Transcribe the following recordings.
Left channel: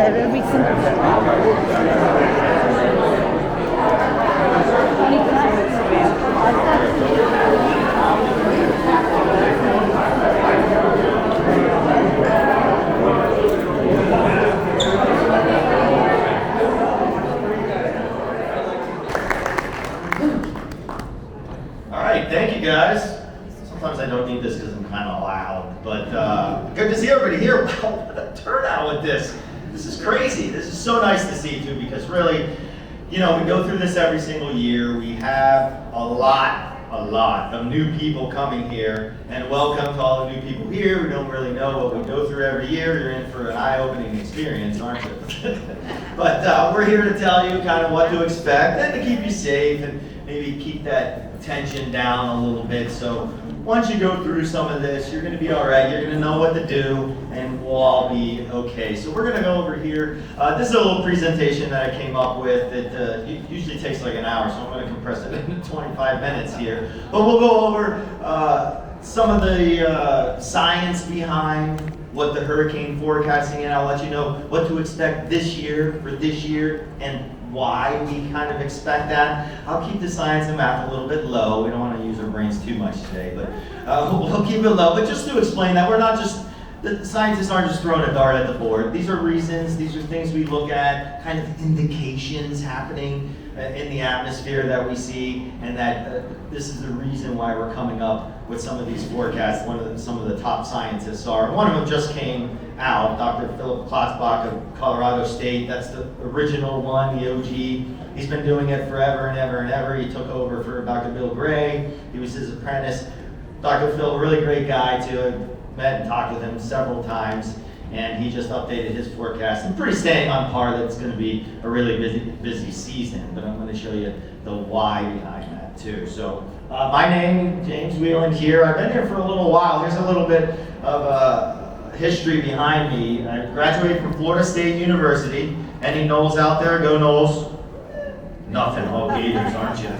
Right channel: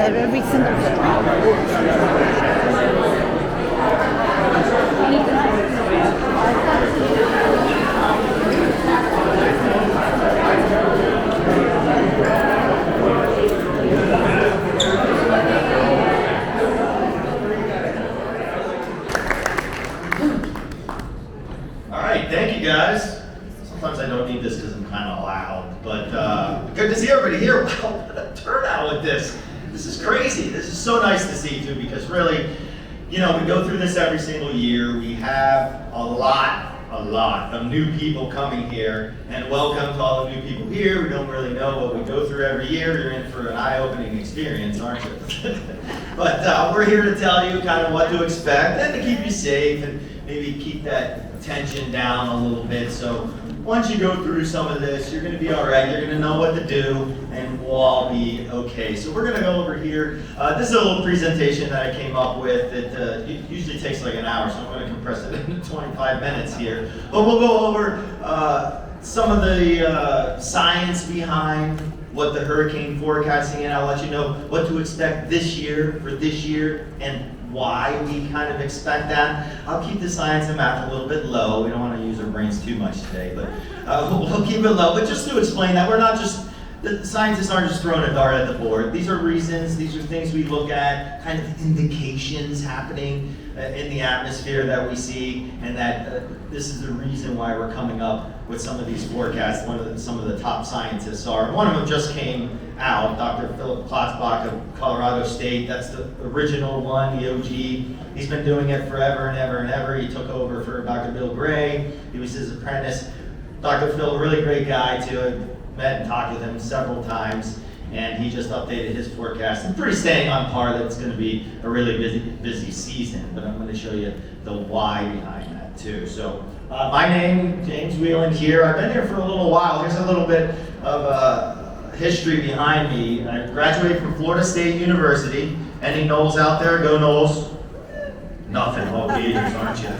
that it would be simple. Thank you guys. Sometimes I don't need this because I'm kind of loud, but good to see everybody here. Wow, what a turnout with this. This is crazy. This is so nice to see too, because really, you know, we go through this every single year. We have a lot of new people coming here, and welcome to all the new people here who don't really know what we go through every year. You're in for an eye-opening experience, aren't you? But we're here to tell you kind of what to expect and to keep you safe and maybe keep that tension down a little bit. So once you go through some of this, you're going to be all right. You're going to know what to do, and we'll all be okay. So we're going to go over here. This is a little presentation that I came up with. It usually takes like an hour, so I'm going to compress it into 25 minutes here. But we'll go over some of the science behind what the hurricane forecasting, and I'll let you know what to expect this year for this year and why we kind of expect that. I'll keep the science and math a little bit low. We don't want to use our brains too much today, but we'll keep it low. But just to explain that, we're not just, the scientists aren't just throwing a dart at the board. These are reasons, these are things we look at, kind of indications happening in the atmosphere that we see, and that this is the reason why we're coming up with some of these forecasts. Some of the top scientists are. One of them just came out, Dr. Philip Klotzbach of Colorado State. That's the original one, the OG. He's been doing it forever and ever and ever. He took over for Dr. Bill Gray. He was his apprentice. Dr. Phil, really great guy too. I've met and talked with him several times, and he just updated his forecast. I'm pretty staying on par that it's going to be a really busy season, but I'm going to show you the why behind that too. So my name, James Wieland here. I've been here for a little while. Here's a little bit of history behind me. I graduated from Florida State University. Any Knowles out there? Go Knowles. Nothing, all Gators, aren't you?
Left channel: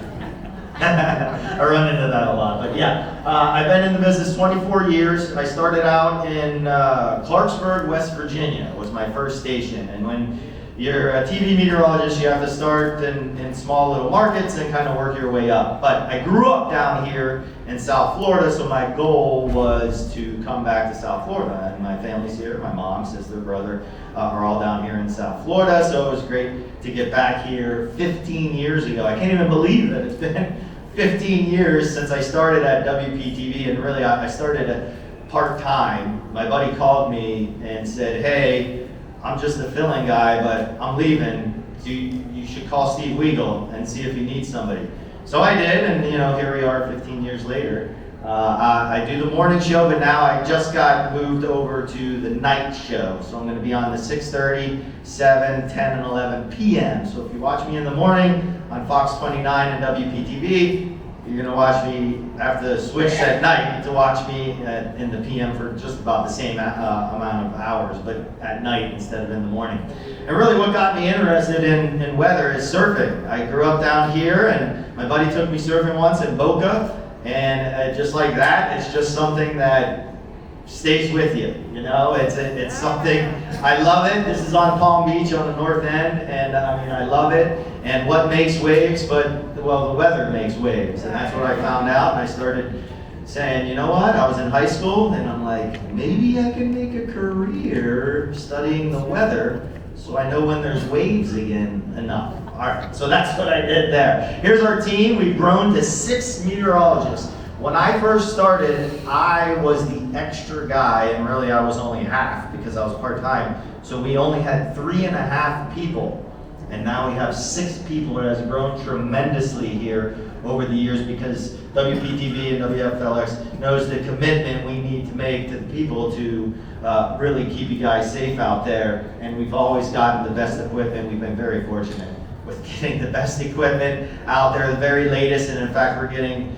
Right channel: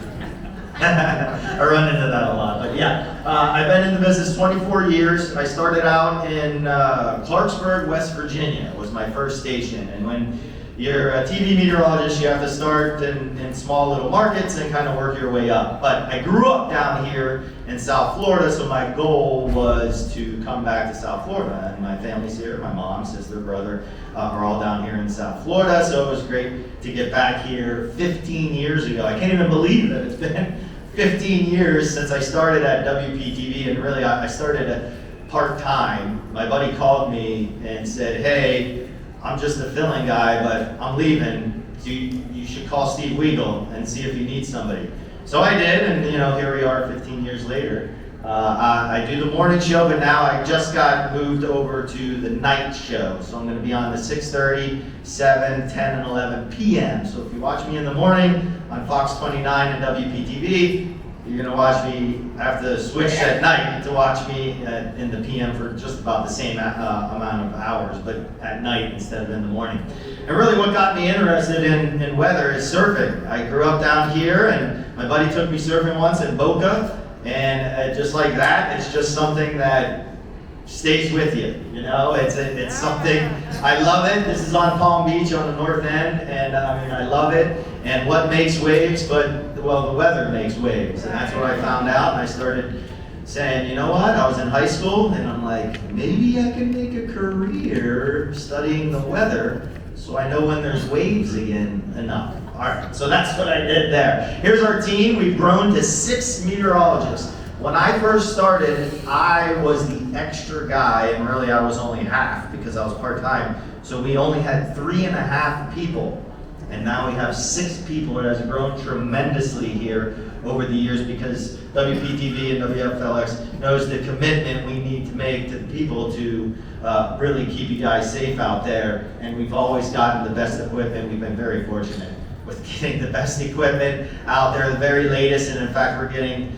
I run into that a lot, but yeah. I've been in the business 24 years. I started out in Clarksburg, West Virginia, was my first station. And when you're a TV meteorologist, you have to start in small little markets and kind of work your way up. But I grew up down here in South Florida, so my goal was to come back to South Florida. And my family's here, my mom, sister, brother, are all down here in South Florida, so it was great to get back here 15 years ago. I can't even believe that it's been 15 years since I started at WPTV, and really I started at part-time. My buddy called me and said, hey, I'm just a filling guy, but I'm leaving. You should call Steve Weigel and see if you need somebody. So I did, and you know, here we are 15 years later. I do the morning show, but now I just got moved over to the night show. So I'm going to be on the 6:30, 7, 10, and 11 p.m. So if you watch me in the morning on Fox 29 and WPTV, you're going to watch me, have to switch at night to watch me in the PM for just about the same amount of hours, but at night instead of in the morning. And really what got me interested in weather is surfing. I grew up down here, and my buddy took me surfing once in Boca, and just like that, it's just something that stays with you. You know, it's something, I love it. This is on Palm Beach on the north end, and I mean, I love it. And what makes waves, well, the weather makes waves, and that's what I found out. And I started saying, you know what, I was in high school, and I'm like, maybe I can make a career studying the weather so I know when there's waves again enough. All right, so that's what I did there. Here's our team. We've grown to 6 meteorologists. When I first started, I was the extra guy, and really I was only half because I was part-time. So we only had 3.5 people. And now we have 6 people. It has grown tremendously here over the years because WPTV and WFLX knows the commitment we need to make to the people to really keep you guys safe out there. And we've always gotten the best equipment. We've been very fortunate with getting the best equipment out there, the very latest. And in fact, we're getting,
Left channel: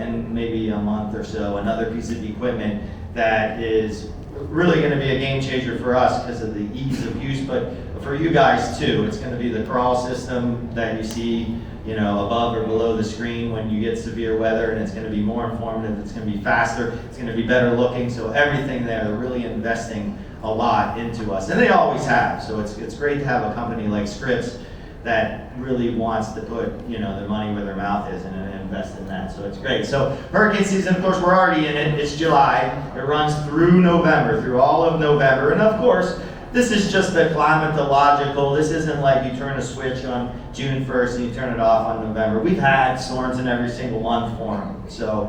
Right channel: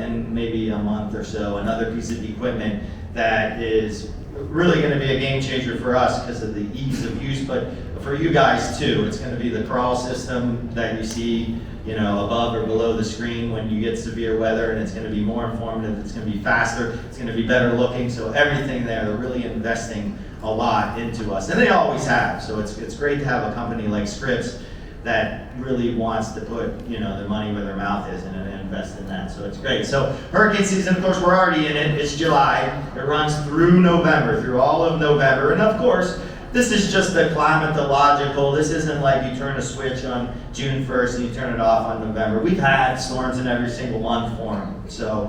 in maybe a month or so, another piece of equipment that is really going to be a game changer for us because of the ease of use, but for you guys too. It's going to be the crawl system that you see, you know, above or below the screen when you get severe weather, and it's going to be more informative, it's going to be faster, it's going to be better looking, so everything there, they're really investing a lot into us, and they always have. So it's great to have a company like Scripps that really wants to put their money where their mouth is and invest in that. So it's great. So hurricane season, of course, we're already in it. It's July. It runs through November, through all of November, and of course, this is just the climatological. This isn't like you turn a switch on June 1st and you turn it off on November. We've had storms in every single month form. So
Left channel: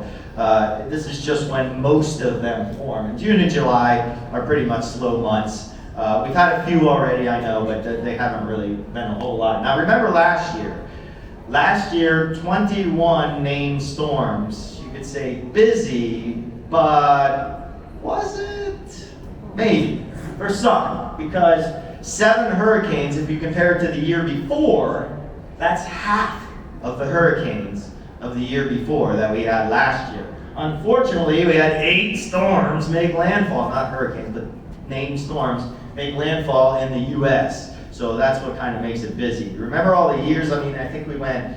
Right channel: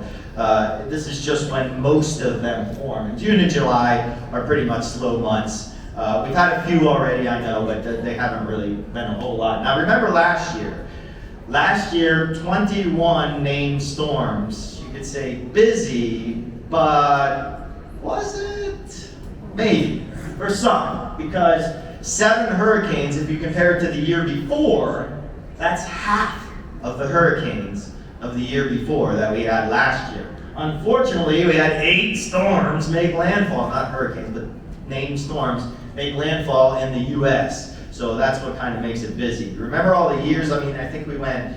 this is just when most of them form. And June and July are pretty much slow months. We've had a few already, I know, but they haven't really been a whole lot. Now remember last year. Last year, 21 named storms. You could say busy, but was it? Maybe. For some, because 7 hurricanes, if you compare it to the year before, that's half of the hurricanes of the year before that we had last year. Unfortunately, we had 8 storms make landfall, not hurricanes, but named storms make landfall in the U.S. So that's what kind of makes it busy. Remember all the years, I mean, I think we went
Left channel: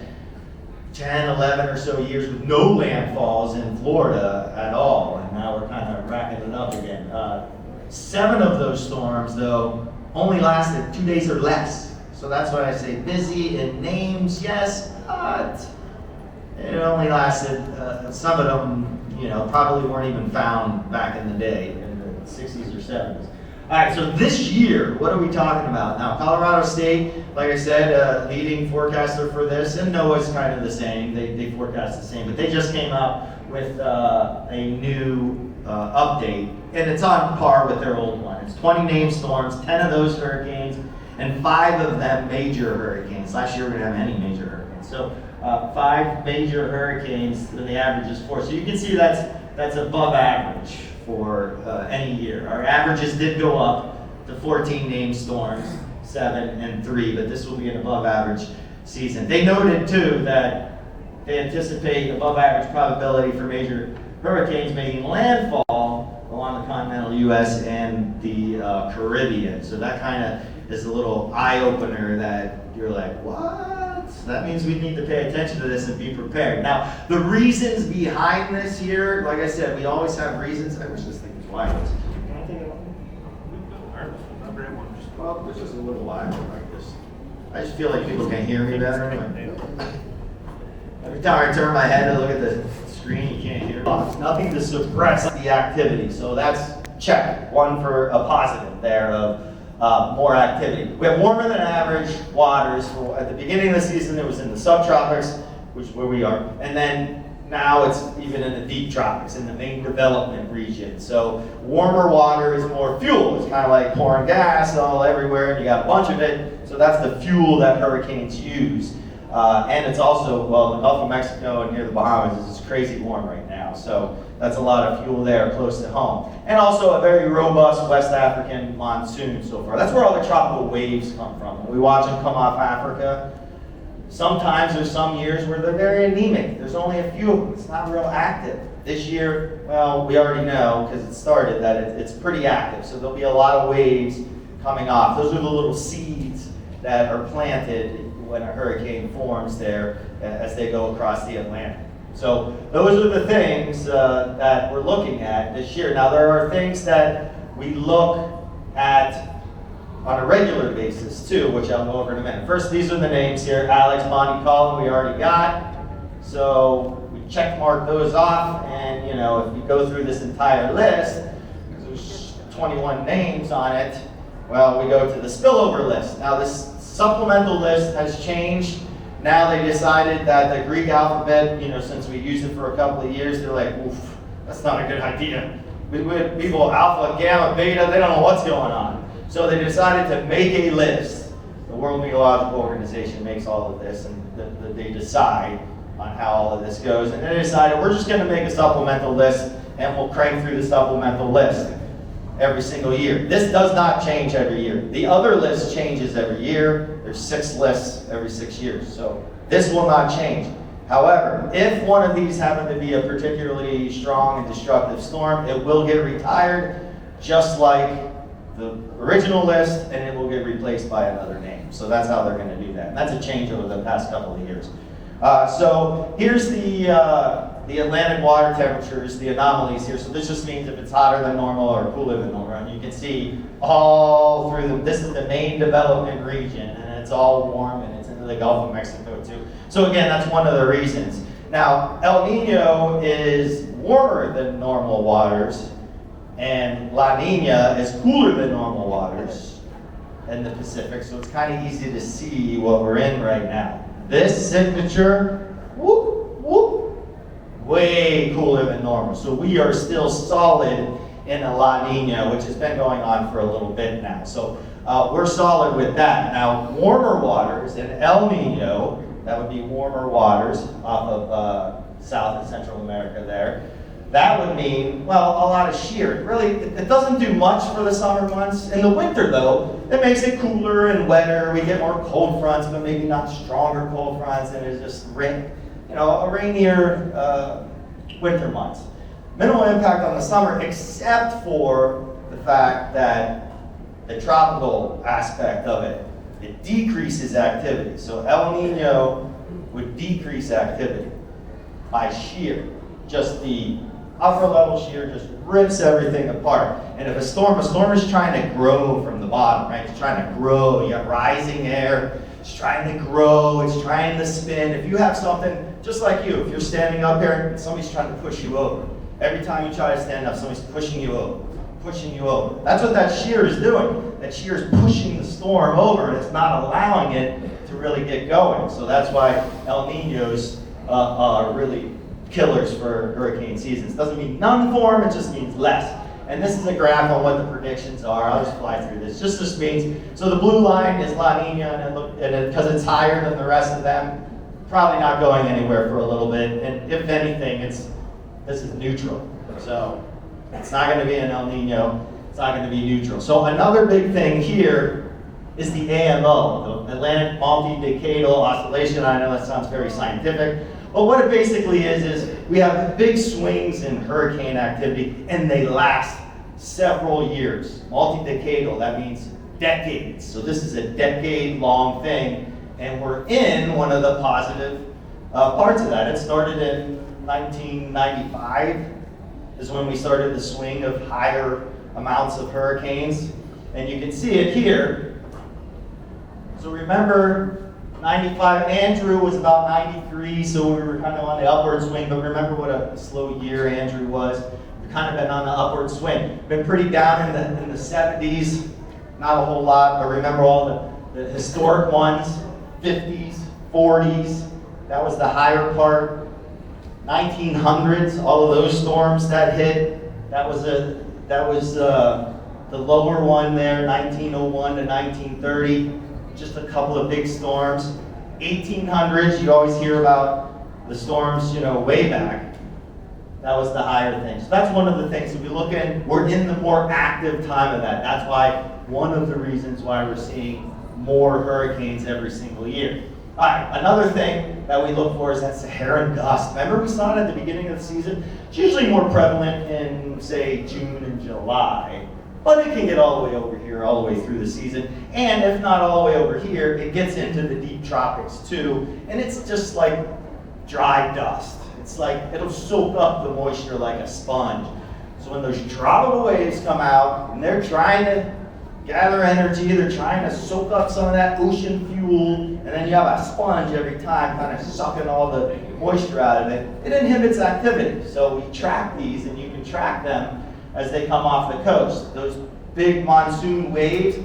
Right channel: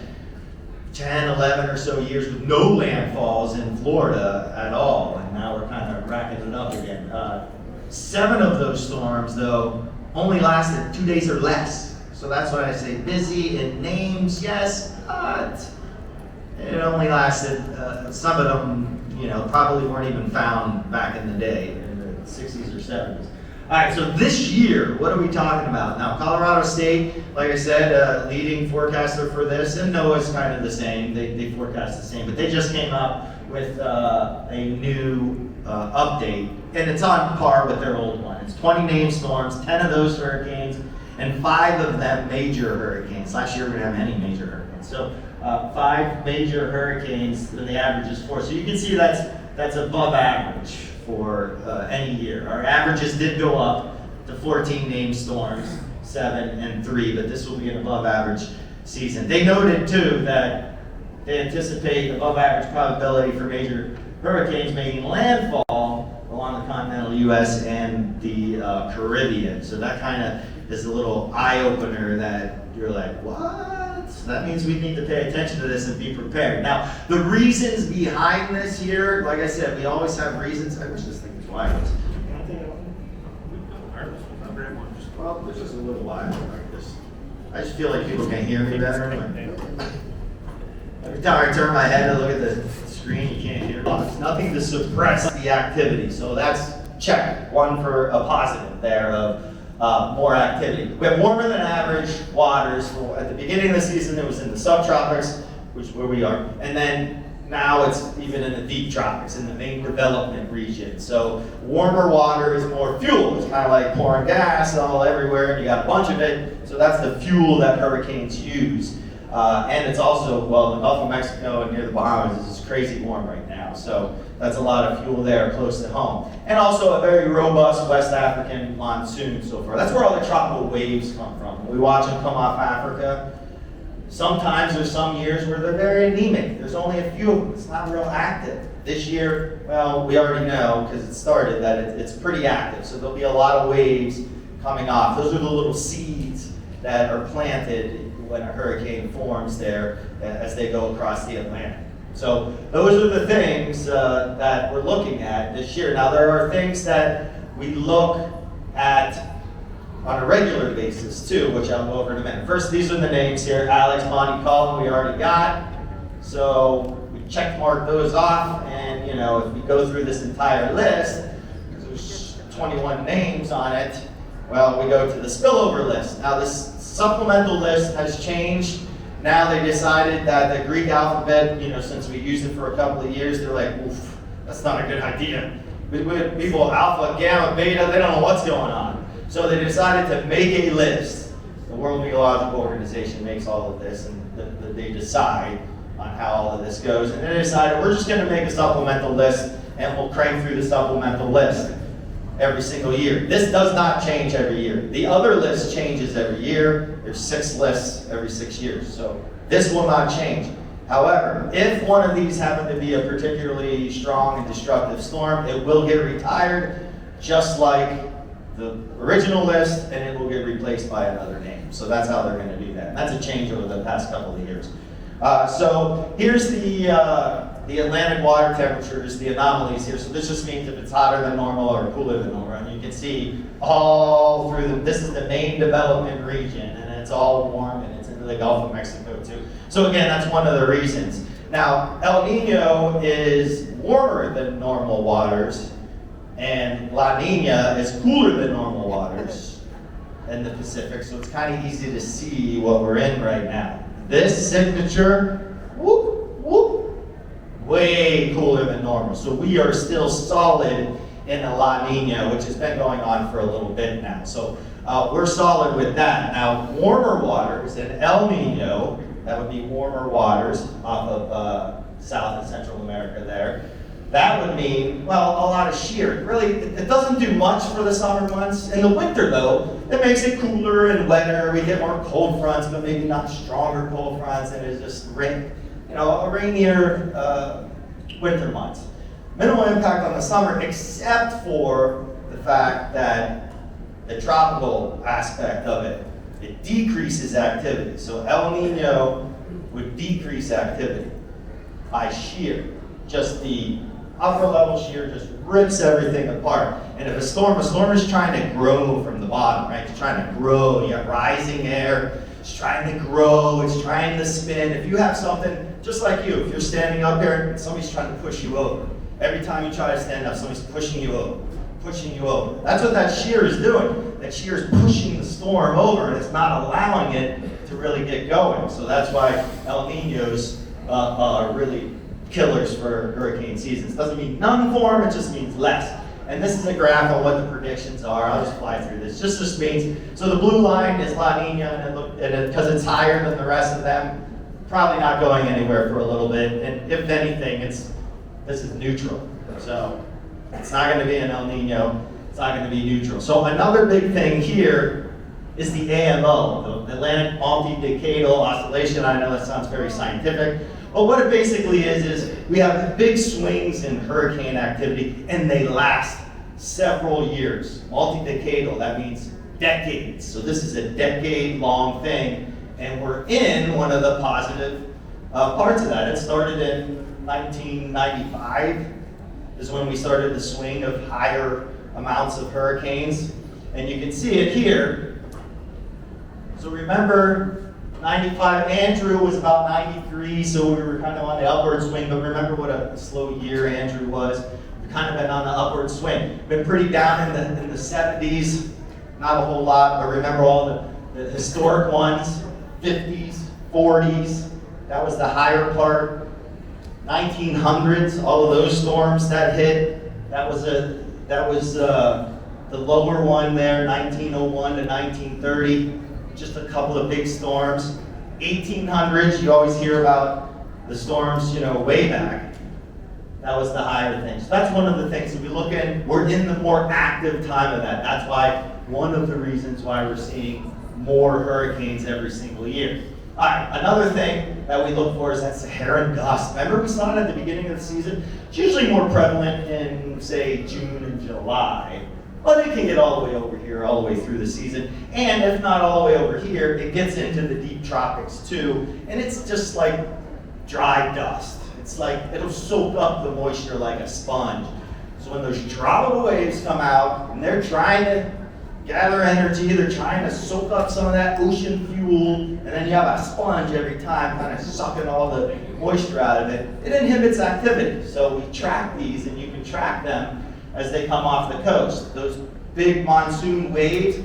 10, 11 or so years with no landfalls in Florida at all, and now we're kind of racking it up again. 7 of those storms, though, only lasted 2 days or less. So that's why I say busy in names, yes, but it only lasted, some of them, probably weren't even found back in the day, in the 60s or 70s. All right, so this year, what are we talking about? Now, Colorado State, like I said, leading forecaster for this, and NOAA's kind of the same. They forecast the same, but they just came up with a new update, and it's on par with their old one. It's 20 named storms, 10 of those hurricanes, and 5 of them major hurricanes. Last year we didn't have any major hurricanes. So 5 major hurricanes, and the average is 4. So you can see that's above average for any year. Our averages did go up to 14 named storms, 7 and 3, but this will be an above average season. They noted too that they anticipate above average probability for major hurricanes making landfall along the continental U.S. and the Caribbean. So that kind of is a little eye-opener that you're like, what? That means we need to pay attention to this and be prepared. Now, the reasons behind this here, like I said, we always have reasons. I wish this thing was wireless. Well, there's just a little wire like this. I just feel like people can hear me better. Every time I turn my head and look at the screen, you can't hear. Nothing to suppress the activity. So that's check. One for a positive there of more activity. We have warmer than average waters. At the beginning of the season, it was in the subtropics, which is where we are. And then now it's even in the deep tropics, in the main development region. So warmer water is more fuel. It's kind of like pouring gas all everywhere, and you got a bunch of it. So that's the fuel that hurricanes use. And it's also, well, the Gulf of Mexico and near the Bahamas is crazy warm right now. So that's a lot of fuel there close to home. And also a very robust West African monsoon so far. That's where all the tropical waves come from. When we watch them come off Africa, sometimes there's some years where they're very anemic. There's only a few of them. It's not real active. This year, well, we already know because it started that it's pretty active. So there'll be a lot of waves coming off. Those are the little seeds that are planted when a hurricane forms there as they go across the Atlantic. So those are the things that we're looking at this year. Now there are things that we look at on a regular basis too, which I'll go over in a minute. First, these are the names here. Alex, Bonnie, Colin, we already got. So we check mark those off, and if we go through this entire list, because there's 21 names on it, well, we go to the spillover list. Now this supplemental list has changed. Now they decided that the Greek alphabet, since we used it for a couple of years, they're like, oof, that's not a good idea. With people alpha, gamma, beta, they don't know what's going on. So they decided to make a list. The World Meteorological Organization makes all of this, and they decide on how all of this goes. And they decided we're just going to make a supplemental list, and we'll crank through the supplemental list every single year. This does not change every year. The other list changes every year. There's 6 lists every 6 years. So this will not change. However, if one of these happen to be a particularly strong and destructive storm, it will get retired, just like the original list, and it will get replaced by another name. So that's how they're going to do that. And that's a change over the past couple of years. So here's the the Atlantic water temperatures, the anomalies here. So this just means if it's hotter than normal or cooler than normal. And you can see all through this is the main development region, and it's all warm, and it's into the Gulf of Mexico too. So again, that's one of the reasons. Now, El Nino is warmer than normal waters, and La Nina is cooler than normal waters in the Pacific. So it's kind of easy to see what we're in right now. This signature, whoop, whoop, way cooler than normal. So we are still solid in a La Nina, which has been going on for a little bit now. So we're solid with that. Now, warmer waters in El Nino, that would be warmer waters off of South and Central America there. That would mean, well, a lot of shear. Really, it doesn't do much for the summer months. In the winter, though, it makes it cooler and wetter. We get more cold fronts, but maybe not stronger cold fronts, and it's just a rainier winter months. Minimal impact on the summer, except for the fact that the tropical aspect of it, it decreases activity. So El Nino would decrease activity by shear. Just the upper level shear just rips everything apart. And if a storm is trying to grow from the bottom, right? It's trying to grow. You have rising air. It's trying to grow. It's trying to spin. If you have something, just like you, if you're standing up here, somebody's trying to push you over. Every time you try to stand up, somebody's pushing you over, pushing you over. That's what that shear is doing. That shear is pushing the storm over, and it's not allowing it to really get going. So that's why El Ninos are really killers for hurricane seasons. Doesn't mean none form, it just means less. And this is a graph of what the predictions are. I'll just fly through this. This means, so the blue line is La Nina, and because it's higher than the rest of them, probably not going anywhere for a little bit. And if anything, this is neutral. So it's not going to be an El Nino. It's not going to be neutral. So another big thing here is the AMO, the Atlantic Multi-Decadal Oscillation. I know that sounds very scientific. But what it basically is we have big swings in hurricane activity, and they last several years. Multi-decadal, that means decades. So this is a decade-long thing, and we're in one of the positive parts of that. It started in 1995, is when we started the swing of higher amounts of hurricanes, and you can see it here. So remember, 95, Andrew was about 93, so we were kind of on the upward swing, but remember what a slow year Andrew was. We've kind of been on the upward swing. Been pretty down in the 70s, not a whole lot, but remember all the historic ones, 50s, 40s, that was the higher part. 1900s, all of those storms that hit, that was the lower one there, 1901 to 1930. Just a couple of big storms. 1800s, you always hear about the storms, way back. That was the higher thing. So that's one of the things. If we look in, we're in the more active time of that. That's why, one of the reasons why we're seeing more hurricanes every single year. All right, another thing that we look for is that Saharan dust. Remember we saw it at the beginning of the season? It's usually more prevalent in, say, June and July. But it can get all the way over here, all the way through the season. And if not all the way over here, it gets into the deep tropics too. And it's just like dry dust. It's like, it'll soak up the moisture like a sponge. So when those tropical waves come out, and they're trying to gather energy, they're trying to soak up some of that ocean fuel, and then you have a sponge every time kind of sucking all the moisture out of it, it inhibits activity. So we track these, and you can track them as they come off the coast. Those big monsoon waves,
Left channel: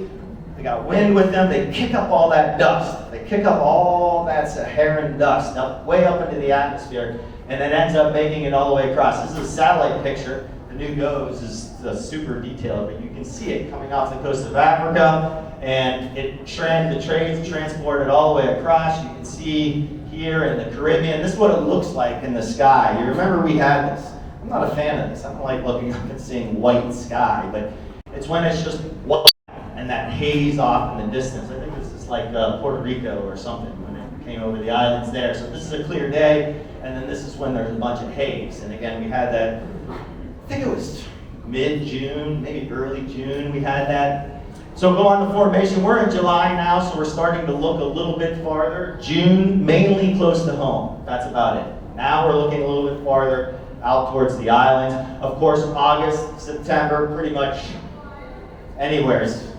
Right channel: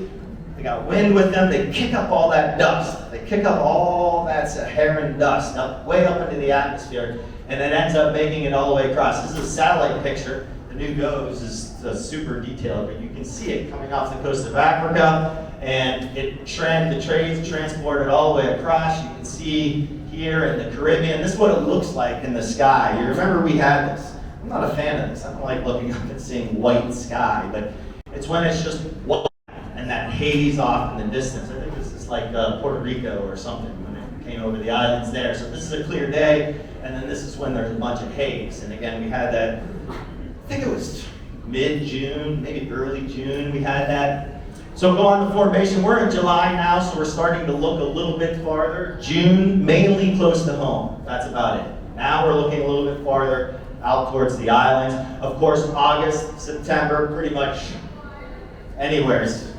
they got wind with them, they kick up all that dust. They kick up all that Saharan dust way up into the atmosphere, and it ends up making it all the way across. This is a satellite picture. The new GOES is super detailed, but you can see it coming off the coast of Africa, and the trains transport it all the way across. You can see here in the Caribbean, this is what it looks like in the sky. You remember we had this. I'm not a fan of this. I don't like looking up and seeing white sky, but it's when it's just white and that haze off in the distance. I think this is like Puerto Rico or something when it came over the islands there. So this is a clear day, and then this is when there's a bunch of haze. And again, we had that, I think it was mid-June, maybe early June, we had that. So go on the formation. We're in July now, so we're starting to look a little bit farther. June, mainly close to home. That's about it. Now we're looking a little bit farther out towards the islands. Of course, August, September, pretty much anywhere's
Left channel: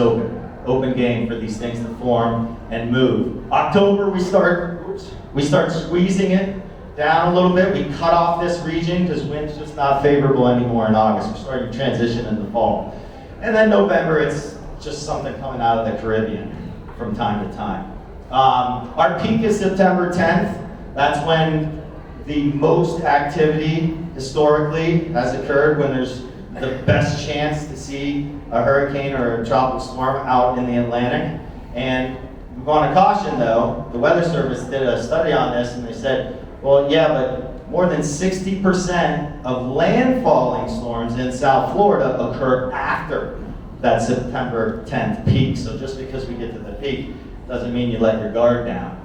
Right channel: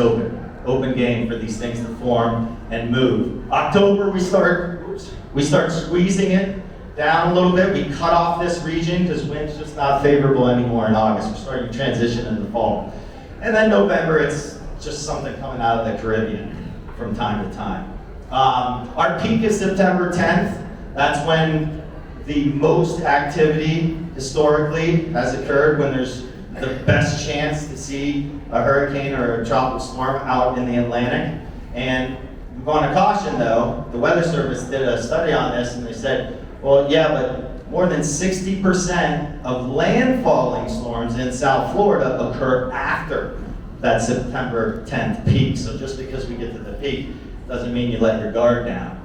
open game for these things to form and move. October, we start squeezing it down a little bit. We cut off this region because wind's just not favorable anymore in August. We're starting to transition into fall. And then November, it's just something coming out of the Caribbean from time to time. Our peak is September 10th. That's when the most activity historically has occurred, when there's the best chance to see a hurricane or a tropical storm out in the Atlantic. And we want to caution though, the Weather Service did a study on this and they said, well, yeah, but more than 60% of landfalling storms in South Florida occur after that September 10th peak. So just because we get to the peak doesn't mean you let your guard down.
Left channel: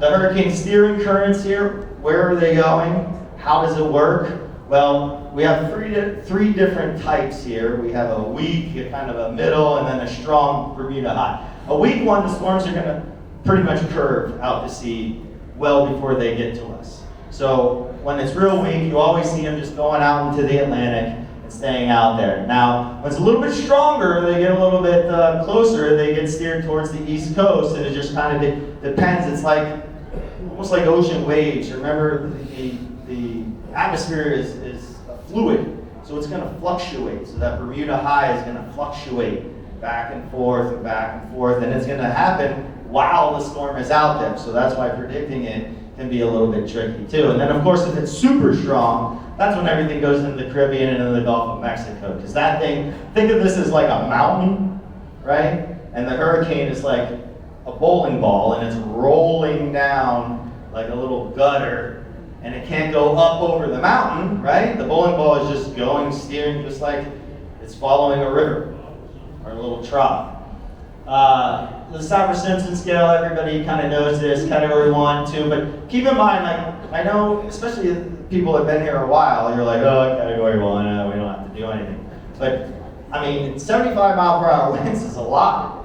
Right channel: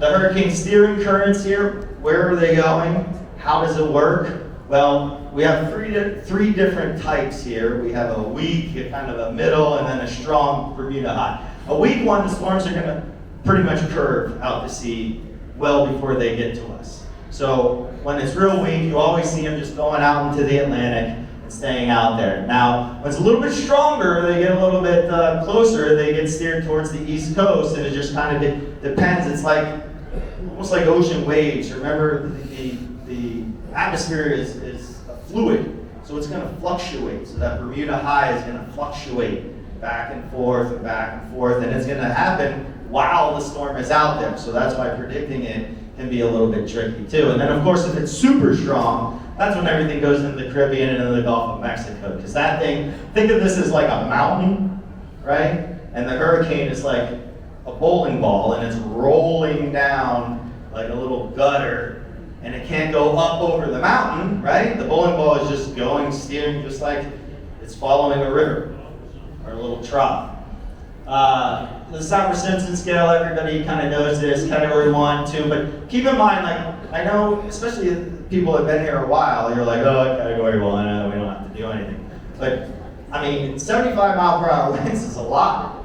The hurricane steering currents here, where are they going? How does it work? Well, we have three different types here. We have a weak, a kind of a middle, and then a strong Bermuda high. A weak one, the storms are going to pretty much curve out to sea well before they get to us. So when it's real weak, you always see them just going out into the Atlantic and staying out there. Now, when it's a little bit stronger, they get a little bit closer, they get steered towards the East Coast, and it just kind of depends. It's like almost like ocean waves. Remember, the atmosphere is a fluid, so it's going to fluctuate. So that Bermuda high is going to fluctuate back and forth, and it's going to happen while the storm is out there. So that's why predicting it can be a little bit tricky too. And then of course, if it's super strong, that's when everything goes into the Caribbean and into the Gulf of Mexico. Because that thing, think of this as like a mountain, right? And the hurricane is like a bowling ball, and it's rolling down like a little gutter, and it can't go up over the mountain, right? The bowling ball is just going, steering, just like it's following a river or a little trough. The Saffir-Simpson scale, everybody kind of knows this, category 1, 2, but keep in mind, like, I know, especially if people have been here a while, you're like, oh, category 1, we don't have to do anything. But, I mean, 75 mile per hour winds is a lot,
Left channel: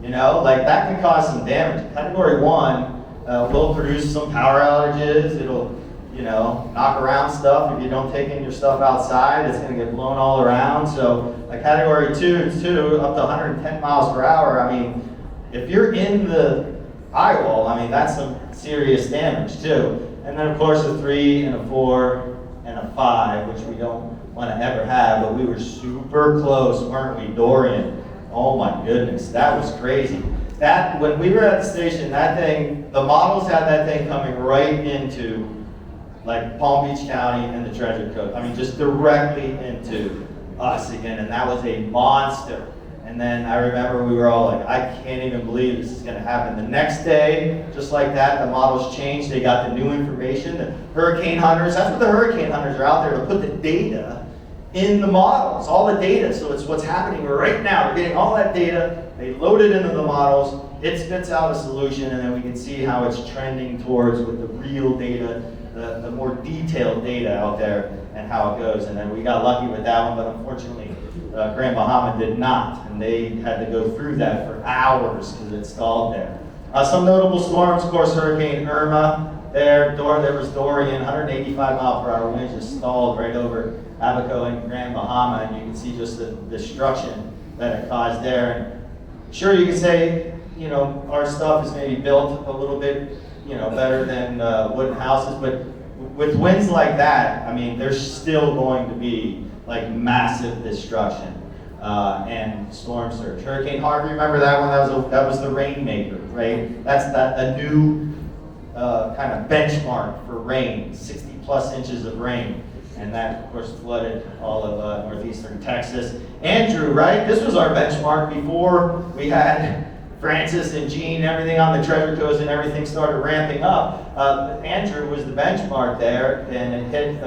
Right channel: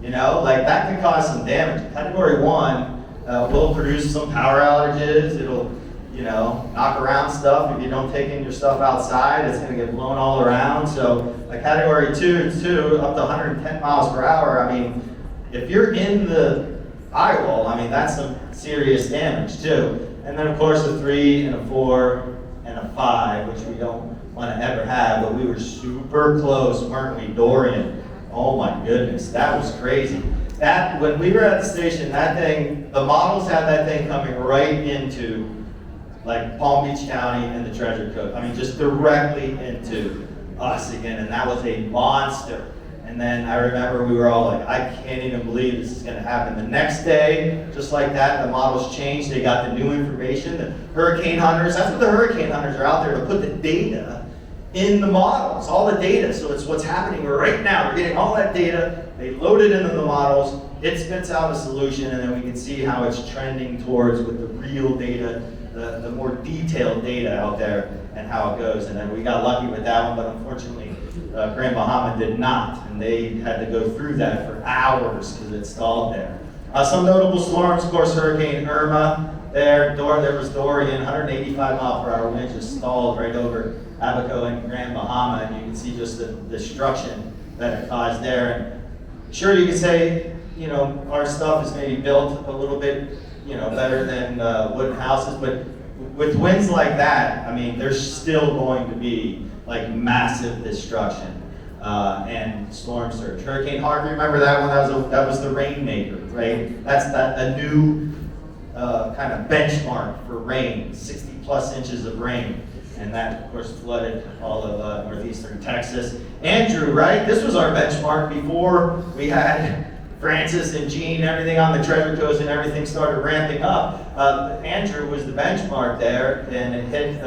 you know? Like, that can cause some damage. Category 1 will produce some power outages, it'll, you know, knock around stuff. If you don't take in your stuff outside, it's going to get blown all around. So a category 2, up to 110 miles per hour, I mean, if you're in the eye wall, I mean, that's some serious damage too. And then of course a 3 and a 4 and a 5, which we don't want to ever have, but we were super close, weren't we, Dorian? Oh my goodness, that was crazy. That, when we were at the station, that thing, the models had that thing coming right into like Palm Beach County and the Treasure Coast. I mean, just directly into us again, and that was a monster. And then I remember we were all like, I can't even believe this is gonna happen. The next day, just like that, the models changed, they got the new information. The hurricane hunters, that's what the hurricane hunters are out there to put the data in the models, all the data. So it's what's happening right now. They're getting all that data, they load it into the models, it spits out a solution, and then we can see how it's trending towards with the real data, the more detailed data out there and how it goes. And then we got lucky with that one, but unfortunately, Grand Bahama did not, and they had to go through that for hours because it stalled there. Some notable storms, of course, Hurricane Irma there was Dorian, 185 mile per hour wind just stalled right over Abaco and Grand Bahama, and you can see just the destruction that it caused there. And sure, you can say, you know, our stuff is maybe built a little bit, you know, better than wooden houses, but with winds like that, I mean, there's still going to be like massive destruction and storm surge. Hurricane Harvey, remember that one? That was the rainmaker, right? That's a new kind of benchmark for rain, 60 plus inches of rain. And that, of course, flooded all of northeastern Texas. Andrew, right? This was our benchmark before we had Francis and Gene, everything on the Treasure Coast, and everything started ramping up. Andrew was the benchmark there, and it hit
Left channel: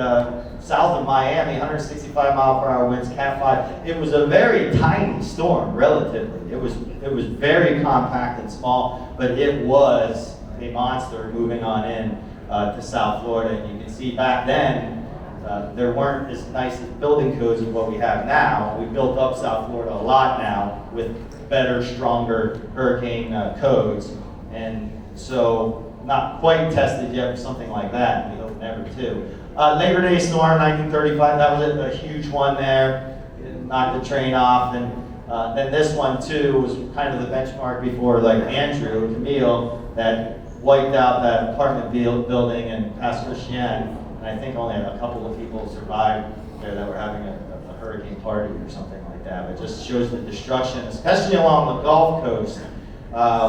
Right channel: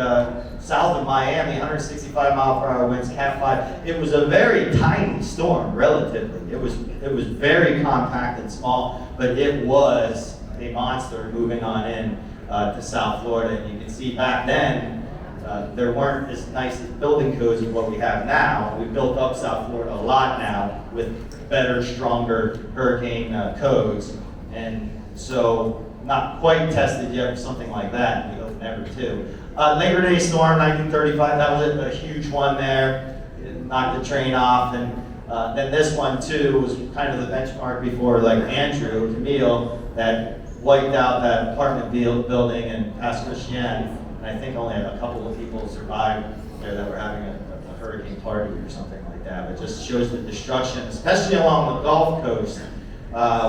south of Miami, 165 mile per hour winds, Cat 5. It was a very tiny storm, relatively. It was very compact and small, but it was a monster moving on in to South Florida. And you can see back then, there weren't as nice as building codes as what we have now. We built up South Florida a lot now with better, stronger hurricane codes. And So not quite tested yet for something like that. We hope never to. Labor Day storm, 1935. That was a huge one there. It knocked the train off, and then this one too was kind of the benchmark before, like Andrew, Camille, that wiped out that apartment building in Pass Christian. And I think only a couple of people survived there that were having a hurricane party or something like that. It just shows the destruction, especially along the Gulf Coast,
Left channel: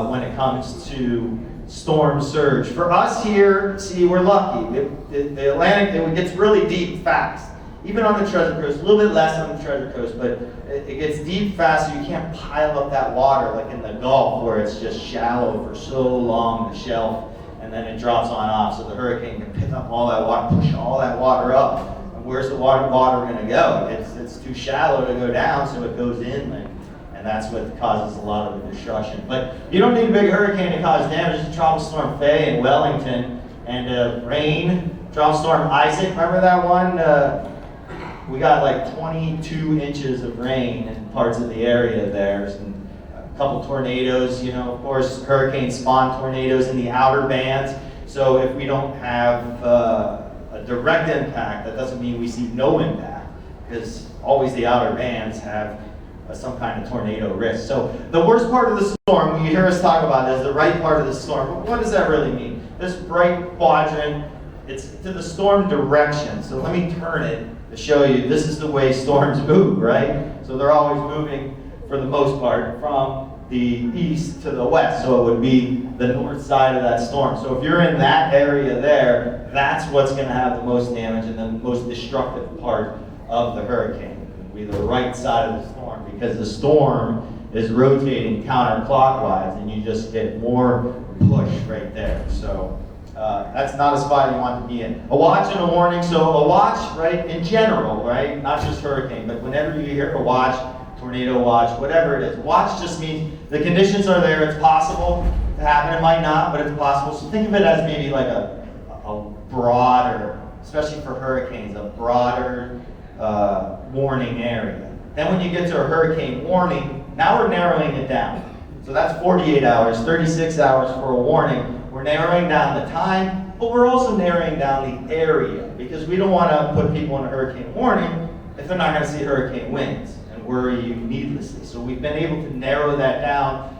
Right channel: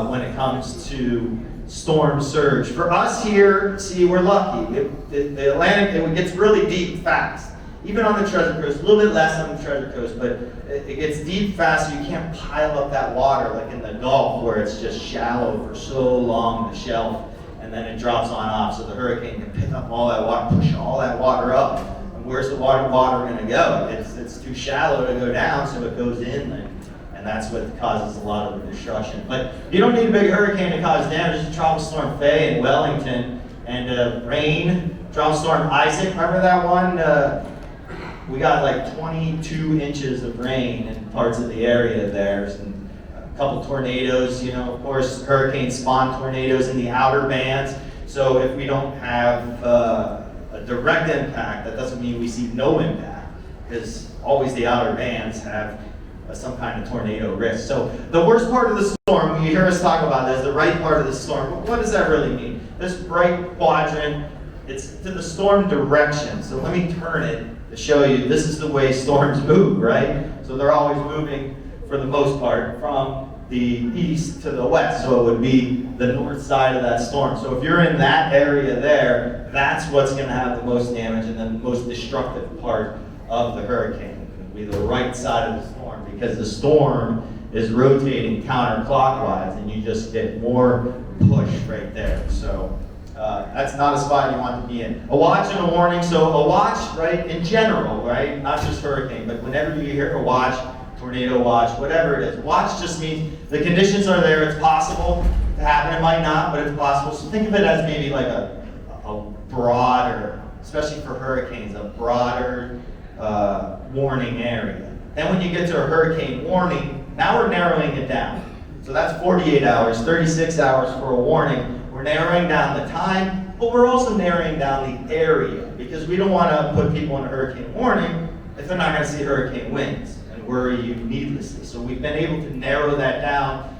when it comes to storm surge. For us here, see, we're lucky. The Atlantic, it gets really deep fast. Even on the Treasure Coast, a little bit less on the Treasure Coast, but it gets deep fast, so you can't pile up that water like in the Gulf, where it's just shallow for so long, the shelf, and then it drops on off, so the hurricane can pick up all that water, push all that water up. And where's the water going to go? It's too shallow to go down, so it goes inland. And that's what causes a lot of the destruction. But you don't need a big hurricane to cause damage. Just Tropical Storm Faye in Wellington, and rain. Tropical Storm Isaac, remember that one? We got like 22 inches of rain in parts of the area there. And a couple tornadoes, you know, of course, hurricanes spawn tornadoes in the outer bands. So if we don't have a direct impact, that doesn't mean we see no impact, because always the outer bands have some kind of tornado risk. So the worst part of the storm, when you hear us talk about this, the right part of the storm, what does that really mean? This bright quadrant, it's to the storm direction. So let me turn it to show you, this is the way storms move, right? So they're always moving, for the most part, from the east to the west. So it would be the north side of that storm. So if you're in that area there, that's what's going to have the most damage and the most destructive part of the hurricane. Be the right side of the storm, because the storm is rotating counterclockwise, and you just get more push right there. So that's not a spot you want to be in. A watch and a warning. So a watch, right, in general, right, not just hurricane, but whenever you hear a watch, tornado watch, whatever it is, watch just means the conditions are there. It's possible to happen. It might not, but it's possible. So think of it as maybe like a broader, especially for hurricanes, a broader warning area. Then when you get to a hurricane warning, now we're narrowing it down. So that's 48 hours, 36 hours for a warning. We're narrowing down the time, but we're also narrowing down the area, because we don't want to put people in a hurricane warning if they're not going to see hurricane winds and worry you needlessly. So we've been able to narrow that down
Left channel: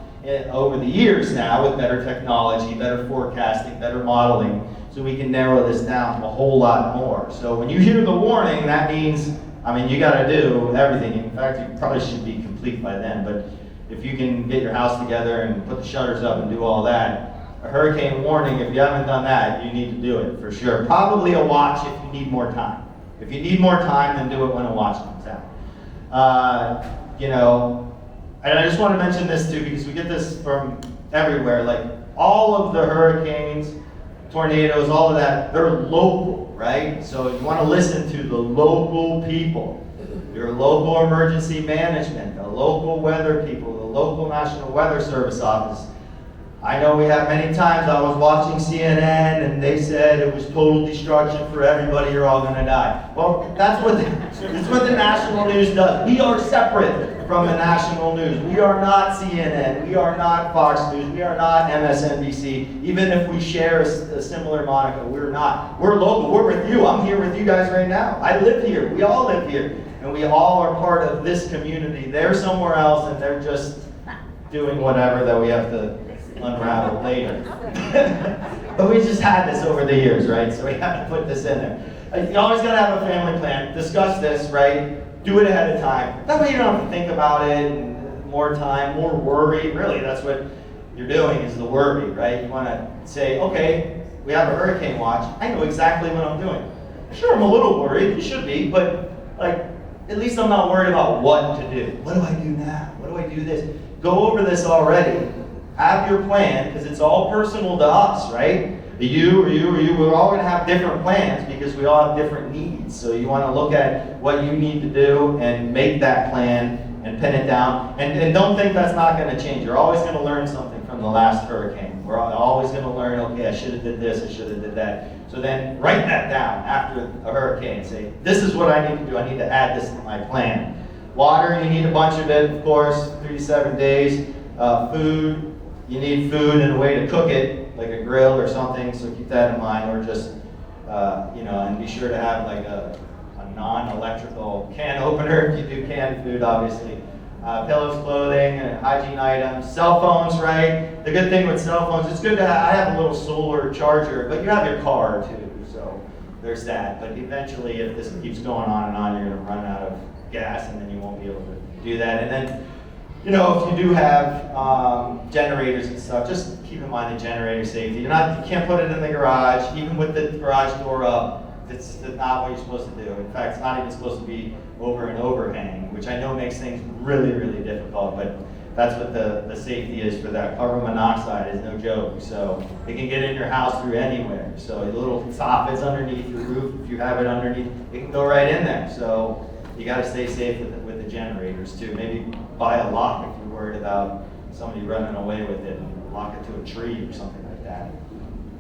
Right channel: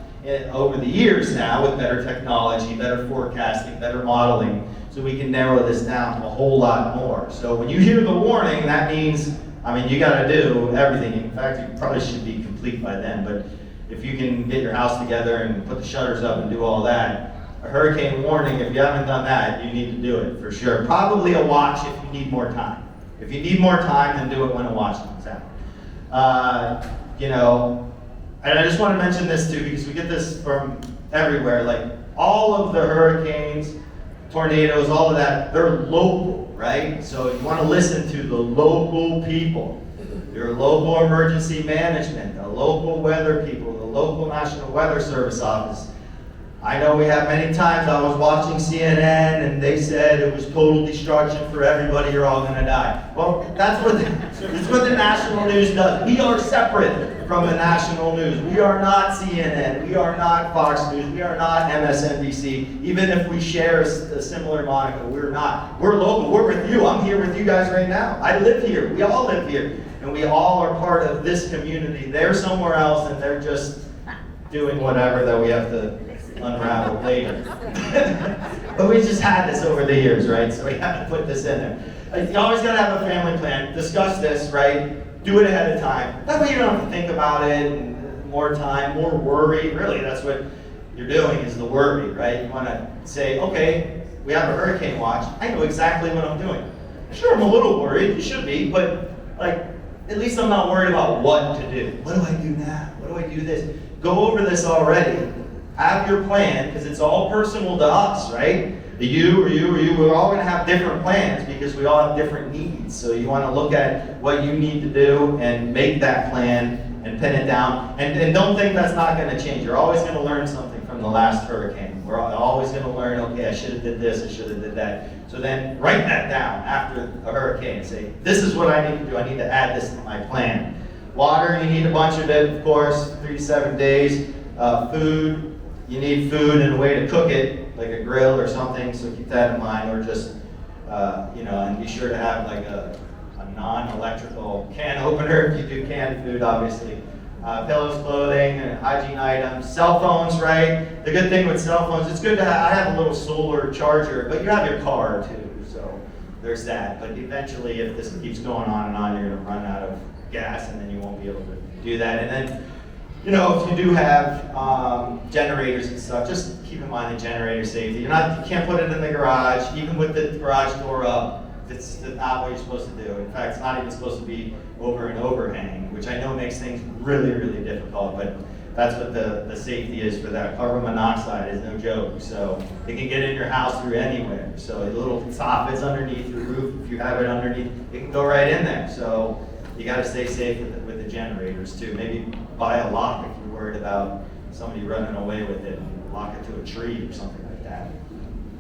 over the years now with better technology, better forecasting, better modeling, so we can narrow this down to a whole lot more. So when you hear the warning, that means, I mean, you got to do everything. In fact, you probably should be complete by then, but if you can get your house together and put the shutters up and do all that, a hurricane warning, if you haven't done that, you need to do it for sure. Probably a watch if you need more time. If you need more time, then do it when a watch comes out. You know, and I just want to mention this too, because we get this from everywhere. Like all of the hurricanes, tornadoes, all of that, they're local, right? So you want to listen to the local people, your local emergency management, the local weather people, the local National Weather Service office. I know we have many times I was watching CNN and they said it was total destruction for everybody, you're all going to die. Well, that's what the national news does. We are separate from the national news. We are not CNN, we are not Fox News, we are not MSNBC. Even if we share a similar moniker, we're not. We're local, we're with you. I'm here with you guys right now. I live here, we all live here. And we all are part of this community. They're somewhere else and they're just doing whatever that we have to unravel later. But we just had this over the years, right? So we have to put this in there. You always got to have a family plan. Discuss this, right? Do it ahead of time. That way you don't have to think about it, and more time, more worry. Really, that's what you're doing, is the worry, right? You want to say, okay, we have a hurricane watch. I know exactly what I'm doing. Sure, I'm a little worried. You should be, but like, at least I'm not worried about what to do. What do I do now? What do I do this? Go over this already. Have your plan, because it's all personal to us, right? You or you or you, we're all going to have different plans because we all have different needs. So you want to look at what you need to do and make that plan and pin it down. And don't think that's not going to change. You're always going to learn something from the last hurricane. We're always going to learn, okay, I should have did this, I should have did that. So then write that down after a hurricane and say, this is what I need to do. I need to add this to my plan. Water, you need a bunch of it, of course, 3 to 7 days. Food, you need food and a way to cook it, like a grill or something, so keep that in mind, or just, and be sure to have like a non-electrical can opener if you do canned food, obviously. Pillows, clothing, and hygiene items, cell phones, right? The good thing with cell phones, it's good to have, I have a little solar charger, but you have your car too, so there's that. But eventually, if this keeps going on and on, you're gonna run out of gas and then you won't be able to do that. And then, if you do have generators and stuff, just keep in mind the generator safety. You can't put it in the garage, even with the garage door up. It's not what you're supposed to do. In fact, it's not even supposed to be over an overhang, which I know makes things really, really difficult, but that's what the safety is for that. Carbon monoxide is no joke, so it can get in your house through anywhere. So a little soffits underneath your roof, if you have it underneath, it can go right in there. So you got to stay safe with the generators too. Maybe buy a lock if you're worried about somebody running away with it, and lock it to a tree or something like that.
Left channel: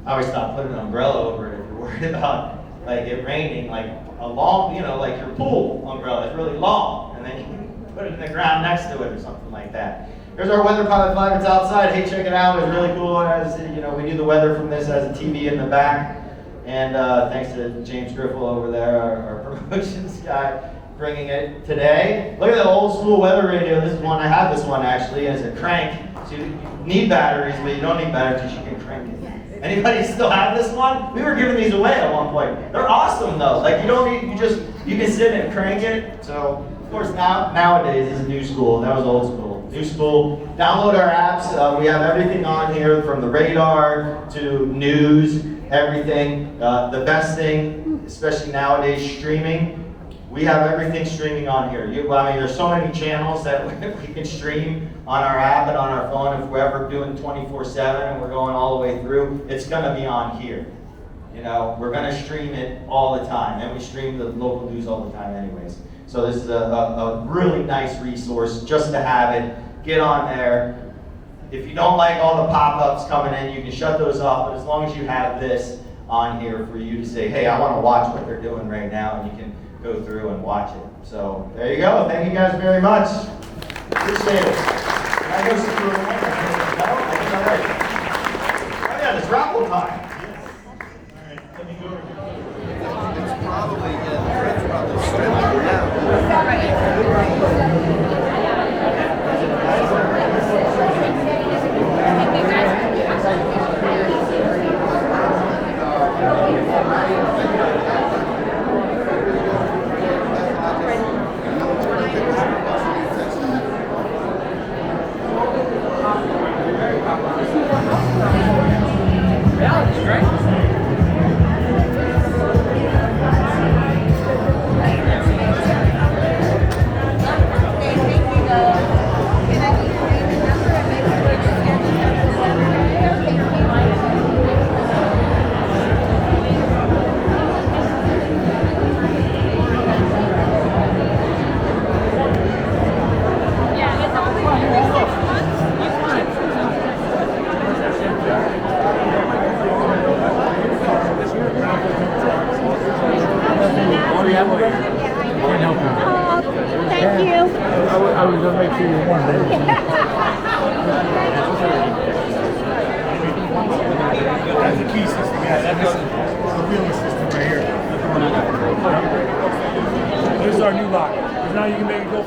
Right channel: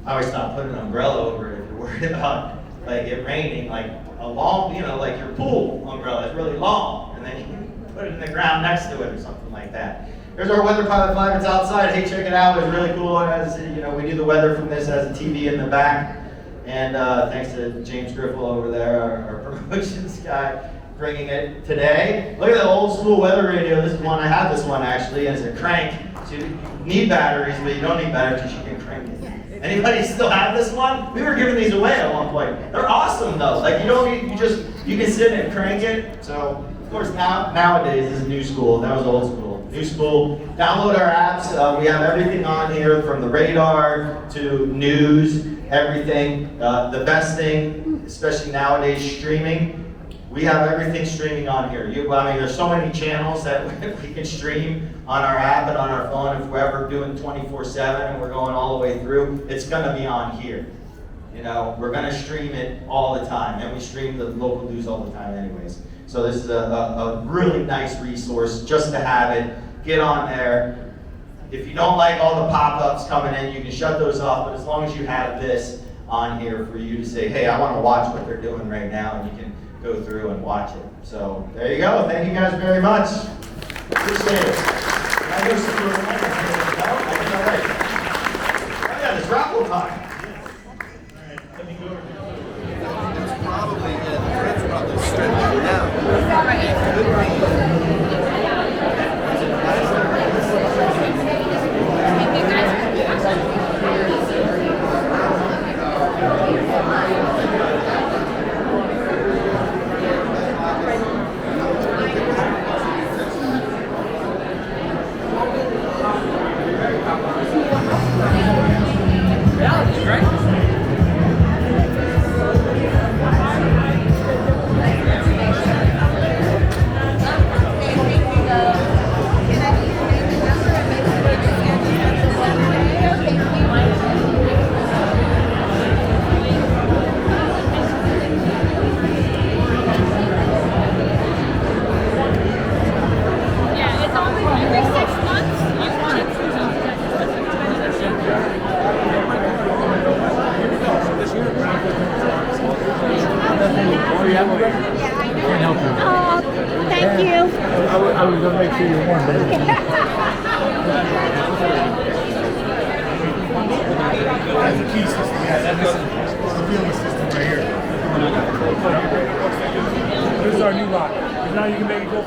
I always thought put an umbrella over it if you're worried about like it raining, like a long, like your pool umbrella is really long, and then you can put it in the ground next to it or something like that. There's our weather pilot flag. It's outside. Hey, check it out. It's really cool. As we do the weather from this as a TV in the back, and thanks to James Griffel over there, our promotions guy, bringing it today. Look at the old school weather radio. This is one. I have this one actually as a crank. So you need batteries, but you don't need batteries. You can crank it. Anybody still have this one? We were giving these away at one point. They're awesome though. Like you can sit and crank it. So of course nowadays this is new school. That was old school. New school. Download our apps. We have everything on here from the radar to news, everything. The best thing, especially nowadays, streaming. We have everything streaming on here. There's so many channels that we can stream on our app and on our phone. If we're ever doing 24/7 and we're going all the way through, it's gonna be on here. We're gonna stream it all the time, and we stream the local news all the time anyways. So this is a really nice resource just to have it. Get on there. If you don't like all the pop-ups coming in, you can shut those off, but as long as you have this on here for you to say, hey, I wanna watch what they're doing right now, and you can go through and watch it. So there you go. Thank you guys very much. Appreciate it. I know some little yeah, it's raffle time. All right, let me go over here. It's probably I was going to make sure you won, but that's the key system. Yeah, that's the wheeler system right here. That's the one I got. This is our new lock. Now you can make it go.